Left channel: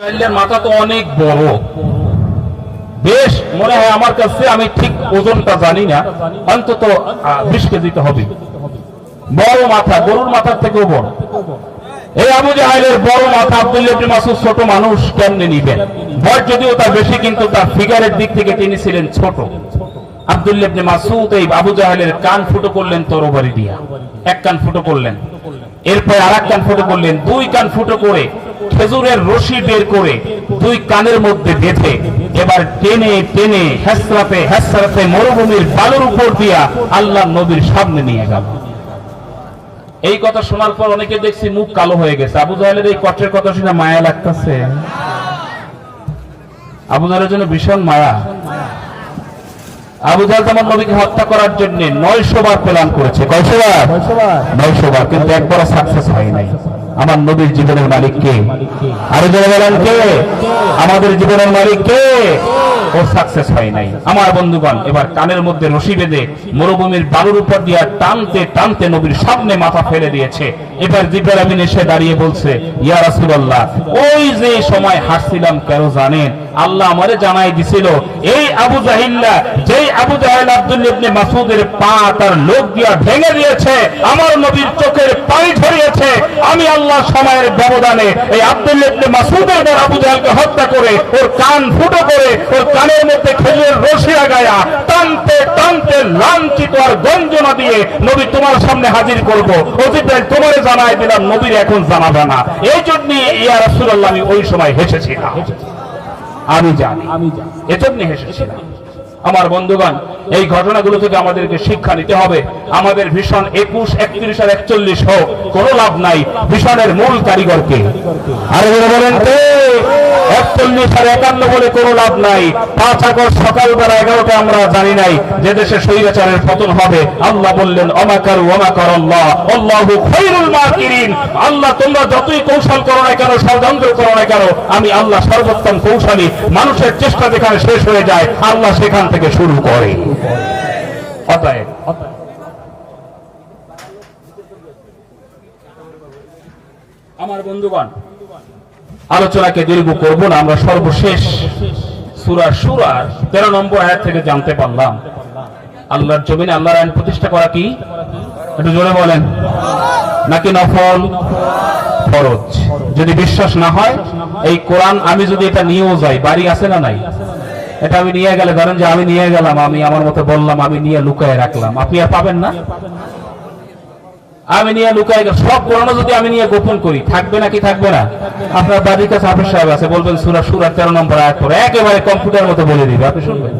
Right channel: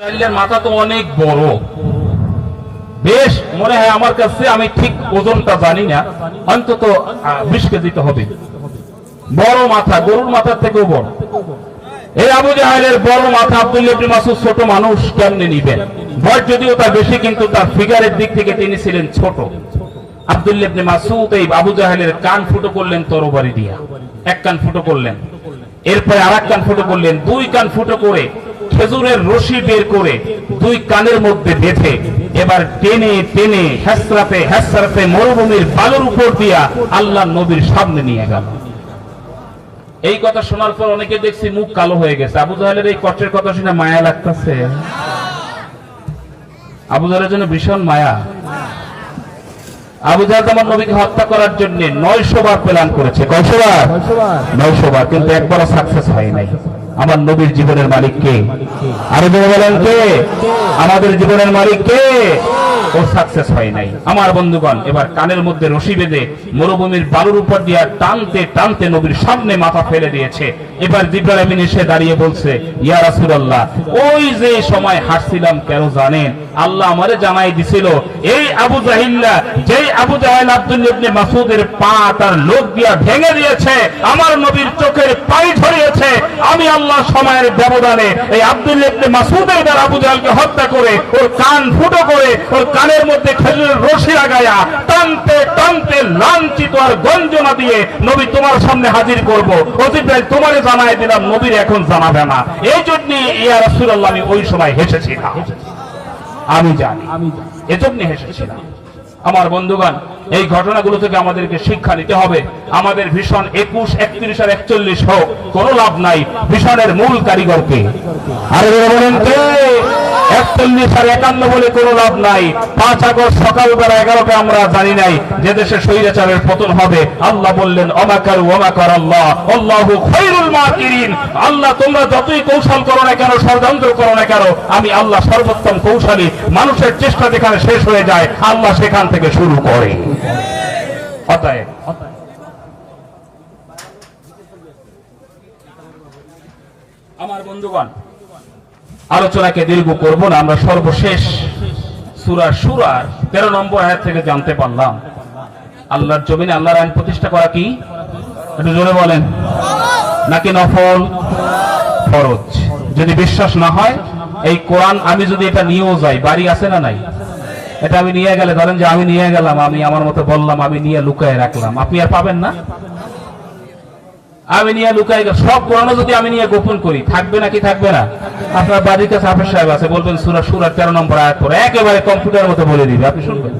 মাথা তো অনেক বড়, বেশ মনে হয় আমার কাছে, আমি ঠিক ওজনটা জানি না, অন্তত 20 কেজি তো হবে। বড় মাথা, গরুর মাথার থেকেও বড়। এই আবু জাহেলের বড় মাথা আব্দুল্লাহ ইবনে মাসউদ ছোট মানুষ কেমনে নিবেন? বয়স যদিও তার বেশি, কিন্তু তার ফিগারের দিক থেকে তিনি ছিলেন ছোট। আব্দুল্লাহ ইবনে মাসউদ এই আবু জাহেলের কান ফুটো করলেন তরবারি দিয়া। এক কান ফুটো করলেন, এরপর আরেক কান ফুটো করলেন, 2 কান ফুটো করে খেজুরের রশি বের করে 2 কানের মধ্যে বেঁধে এবার টেনে টেনে হেসরাতে হেসরাতে মরুভূমির বালুর উপর দিয়া আল্লাহ নবীর সামনে নিয়ে গেল। এই কথা শোনার পর অনেকে দেখছি মুখ কালো হয়ে গেছে। আবু জাহেলের এই কষ্টের কথা শুনে মায়া লাগতেছে। আবু জাহেলের জন্য ভীষণ মায়া। আবু জাহেল যেমন নবীকে হত্যা করার জন্য 900 বার প্ল্যান করেছে। কয়শো বার? 900 বার, কিন্তু একবারও সাকসেস হয় নাই। আমার নবীর জীবনের মালিক কে? আরো জেনে গেলেন কে? আমাদের জীবনের মালিক কে? ও সাকসেস হয় নাই। আমার বন্ধুগণ, এবার কানের মধ্যে রশি বেঁধে মরুভূমির বালুর উপর দিয়ে টানতে টানতে নবীর সামনে মাথা ফেলে দিয়েছে। এবার জিবরাইল আমিন এসে দাঁড়িয়ে বলছে, ইয়া রাসূলুল্লাহ, ওই যে সময় হাসছিলাম কেন জানেন? আল্লাহ আমারে জানাই দিছিল, এই আবু জাহিল্লা, যেই আবু জাহেল আব্দুল্লাহ ইবনে মাসউদের পা তার লোক দিয়া ভেঙে দিয়েছে, আমার নবীর চোখের পানি ঝরিয়েছে, আমি আল্লাহ সময়ের ব্যবধানে এই আব্দুল্লাহ ইবনে মাসউদের দ্বারা আবু জাহেলকে হত্যা করে ওর কান ফুটো করে ওর কানের মধ্যে খেজুরের রশি লাগায়া টানতে টানতে লাঞ্ছিত আর গঞ্জনা দিয়ে নবী তোমার সামনে হাজির করব। ও জিবরাইল, তোমারে জানাই দিলাম, নবীর এখন জানাবে না। এই জন্য ইয়া রাসূলুল্লাহ আমি ওই সময় হেসেছিলাম। আমি জানি, এজন্য হেসেছিলাম। আমার বন্ধুগণ, এই ঘটনাগুলো থেকে আমাদেরকে শিক্ষা নিতে হবে। আমাদের ভীষণ 21, 31 আর 41 হোক, কোনো লাভ নাই। ভীষণের মূল কারিগরকে আর বলেন কে? 41 আর 51 বলে কোনো লাভ নাই। 5 আগস্ট সকালবেলা 11টা আমরা জানি নাই যে দেশে স্বৈরাচারের পতন হবে। আল্লাহ বললেন, অমাকারু ওয়ামাকার আল্লাহ আল্লাহু খায়রুল মাকিরিন। আল্লাহ তোমরা যতই কৌশল করো না কেন, ষড়যন্ত্র করো না কেন, আমি আল্লাহ সর্বোত্তম কৌশলী। মানুষের চেষ্টা যেখানে শেষ হয়ে যায়, আল্লাহ সেখান থেকে শুরু করে। অতএব আমার বন্ধুগণ, আলোচনাকে দীর্ঘ করব না। আমরা সর্বশেষ সূরা শুরার 13 নম্বর আয়াত থেকে জানতে পারলাম, আল্লাহর জমিনে আল্লাহর আইন প্রতিষ্ঠা করা কি? একটু জোরে বলেন। নাকি নফল? ফরজ। যদি বিশ্বাস না হয়, এই কোরআন আমি যদি এটা নিয়েও যাই, বাড়ি আছে না নাই? এটা আমি নিয়ে গেলে, ধরেন যে আমি নিয়ে গেলাম, আমি আমার মতো বললাম, আমি নিয়ে লুকায় রাখলাম, আপনি আর পাবেন না। আমি নিয়ে লুকাই, সব কোরআন যদি আমি নিয়ে গোপন করি, থাকবে নাকি থাকবে না? আপনার বাড়ির কাছে হাফেজ সাহেব আছে, বলবেন সূরা শুরা 13 নম্বর আয়াত পড়ে, একেবারে কম্পিউটার মতো বলে দিবে, আপনি শুনবেন,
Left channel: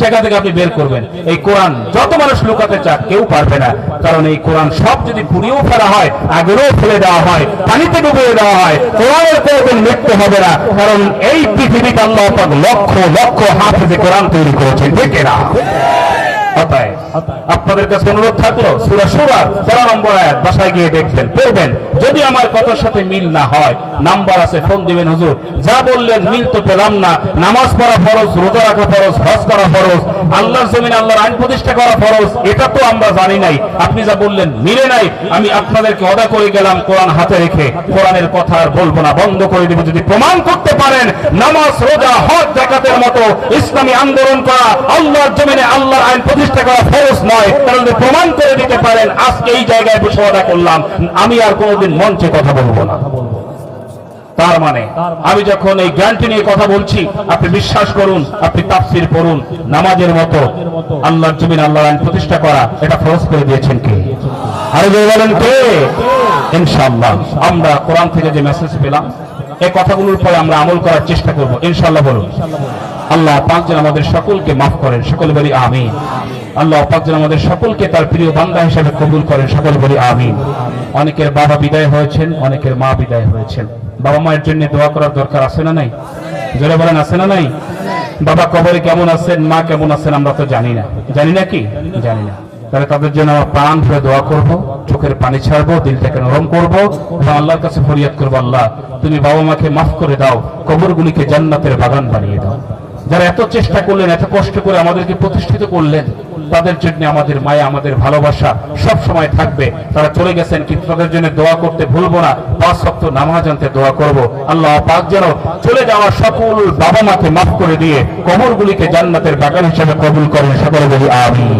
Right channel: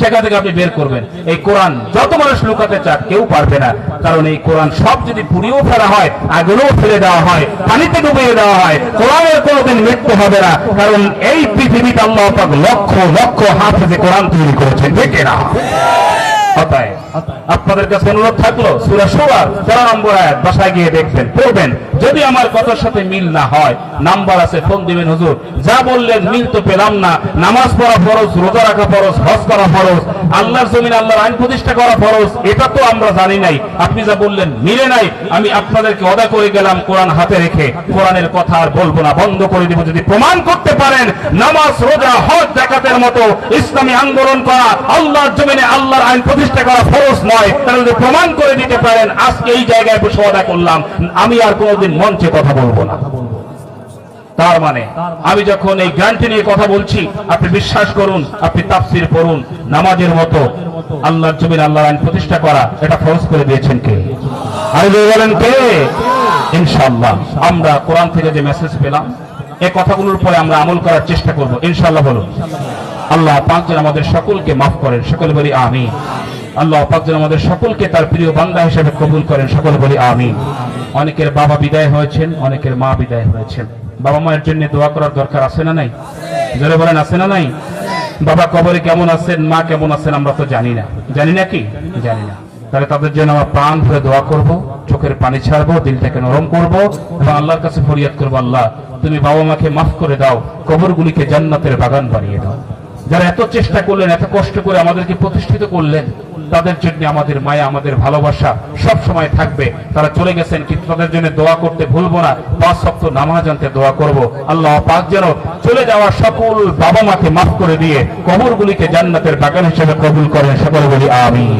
সেখান থেকে আপনি বের করবেন। এই কোরআন যত মানুষ লুকাতে চাক, কেউ পারবে না। কারণ এই কোরআন সব যদি পুড়িয়েও ফেলা হয়, আগেও ফেলে দেওয়া হয়, পানিতে ডুবিয়ে দেওয়া হয়, কোরআনের কোনোদিন মৃত্যু হবে না। কারণ এই পৃথিবীতে আল্লাহ পাক লক্ষ লক্ষ হাফেজে কোরআন তৈরি করেছেন, দেখে না। আপনাদের কাছে অনুরোধ থাকলো, সূরা শুরা 13 নম্বর আয়াত বাসায় গিয়ে দেখবেন, পড়বেন। যদি আমার কথার সাথে মিল না হয়, নাম্বার আছে, ফোন দিবেন। হুজুর যা বললেন মিল তো পেলাম না, নামাজ পড়া ফরজ, রোজা রাখা ফরজ, হজ করা ফরজ, আল্লাহর জমিনে আল্লাহর আইন প্রতিষ্ঠা করা ফরজ, এটা তো আমরা জানি নাই। আপনি যা বললেন মিলে নাই। আমি আপনাদেরকে ওয়াদা করে গেলাম, কোরআন হাতে রেখে কোরআনের কথা আর বলবো না, বন্ধ করে দেব। যদি প্রমাণ করতে পারেন নামাজ, রোজা, হজ, যাকাতের মতো ইসলামী আন্দোলন করা আল্লাহর জমিনে আল্লাহর আইন প্রতিষ্ঠা করা ফরজ নয়, তাহলে প্রমাণ করে দিতে পারেন, আজকে এই জায়গায় বসে ওয়াদা করলাম, আমি আর কোনোদিন মঞ্চে কথা বলবো না। তার মানে আমি যখন এই গ্যারান্টি নিয়ে কথা বলছি, আপনি বিশ্বাস করুন, আপনি তাফসীর পড়ুন, নামাজের মতো আল্লাহর জমিনে আল্লাহর আইন প্রতিষ্ঠা করা, এটা ফরজ করে দিয়েছেন কে? আর বলেন কে? ইনশাআল্লাহ আমরা কোরআন থেকে যে মেসেজ পেলাম, এই কথাগুলোর পরে আমরা আমল করার চেষ্টা করব, ইনশাআল্লাহ। বলুন, আল্লাহ পাক যেন আমাদের সকলকে মাফ করেন, সকলে বলি আমিন। আল্লাহ পাক যেন আমাদের সকলকে তার প্রিয় বান্দা হিসেবে কবুল করেন, সকলে বলি আমিন। অনেকের বাবা বিদায় হয়েছেন, অনেকের মা বিদায় হয়েছেন। বাবা মায়ের জন্য দোয়া করার দরকার আছে না নাই? যারা বলেন আছে না নাই? বাবা কবরে কেমন আছেন, মা কেমন আছেন, আমরা তো জানি না। জানি না কি? জানি না। তাহলে তাদের জন্য আমরা প্রাণ ভরে দোয়া করব, চোখের পানি ছাড়বো, দিলটাকে নরম করবো এবং আল্লাহর কাছে ফরিয়াদ করবো, আল্লাহ তুমি বাবা মাকে মাফ করে দাও, কবরগুলিকে জান্নাতের বাগান বানিয়ে দাও। যারা এত চেষ্টা করলেন, এত কষ্ট করে আমাদেরকে প্রতিষ্ঠিত করলেন, তাদের জন্য আমাদের মায়া, আমাদের ভালোবাসা সব সময় থাকবে। তারা চলে গেছেন, কিন্তু তাদের জন্য দোয়া করতে ভুলবো না। 5 ওয়াক্ত নামাজ আনতে দোয়া করব। আল্লাহ পাক যেন চলে যাওয়া সকল বাবা মাকে মাফ করে দিয়ে কবরগুলিকে জান্নাতের বাগান হিসেবে কবুল করেন। সকলে বলি আমিন।